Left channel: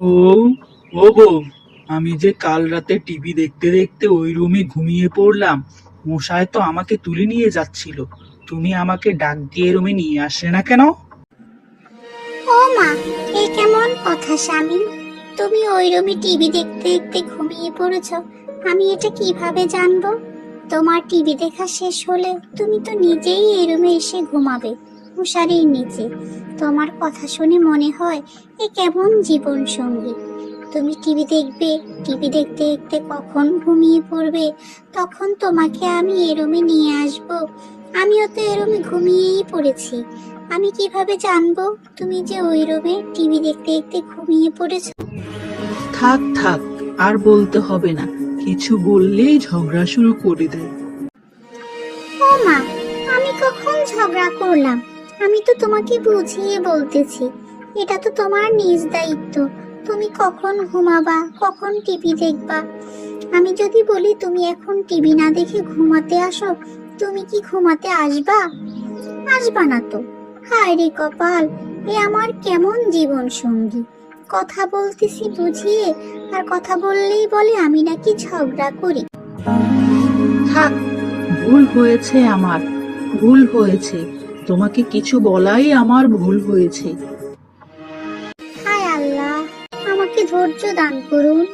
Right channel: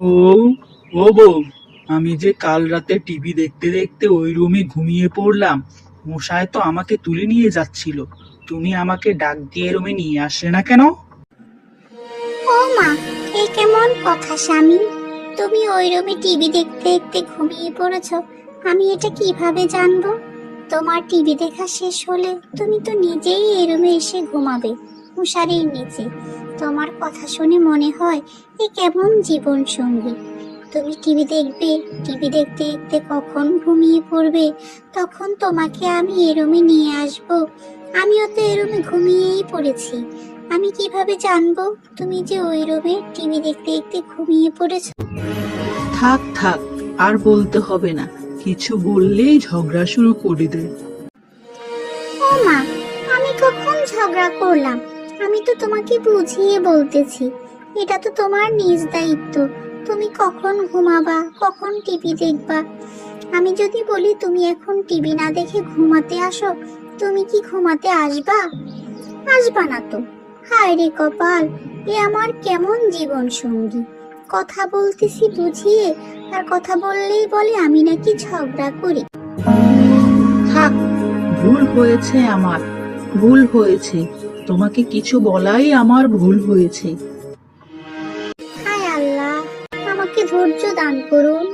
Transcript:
ও ও বউ, আমি যে কাল রাতে টিভি দেখতে দেখতে ওই রুমে ঘুমিয়ে পড়লাম। মশায় তো আমাকে তুলে নিয়ে যাচ্ছিল। তুমি আমাকে ডাক দিয়ে রুমে নিয়ে আসলে না কেন? ও মা, এ কেমন কথা স্বামী? তুমি ওই রুমে টিভি দেখতে দেখতে ঘুমিয়ে পড়েছ, আমি এটা কিভাবে জানবো? তোমার টিভি দেখা শেষ হলে তুমি তো নিজেই এই রুমে এসে ঘুমাবে, মশারির নিচে। তোমার কথা শুনে মনে হয় এ কেমন জীবন সঙ্গী। তুমি টিভি দেখবে, টিভি দেখতে দেখতে কখন ঘুমিয়ে পড়বে, তখন তোমাকে আমি এ রুমে নিয়ে আসবো। আমিও তো এ রুমে ঘুমিয়েই পড়েছি, আমি কিভাবে জানবো তুমি যে ওই রুমে টিভি দেখতে দেখতে ঘুমিয়ে পড়েছো? থাক থাক, আর বলতে হবে না। কিছু বললে ঝগড়া শুরু করে দেয়। ও মা, আমি কখন ঝগড়া করলাম? আমি তো তোমাকে বুঝিয়ে বলতেছি, এটা তো তোমার নিজ দায়িত্ব। তুমি কখন ঘুমাবা, কখন টিভি দেখবা। আমি যদি বলি তুমি এখন টিভি না দেখে ঘুমাতে আসো, তুমি কি ঘুমাতে আসবা? আসবা না তো। হায় রে কপাল, এ আমার কেমন জীবন সঙ্গী! কথা বলতেছি বুঝিয়ে, আর কথা বললেই বলে আমি নাকি ঝগড়া করি। থাক, ভুল হয়েছে আমার, ভুল হয়েছে। তোমাকে কিছু বলাই আমার ভুল হয়েছে। হায় আল্লাহ, আমাকে ধৈর্য দান করুন।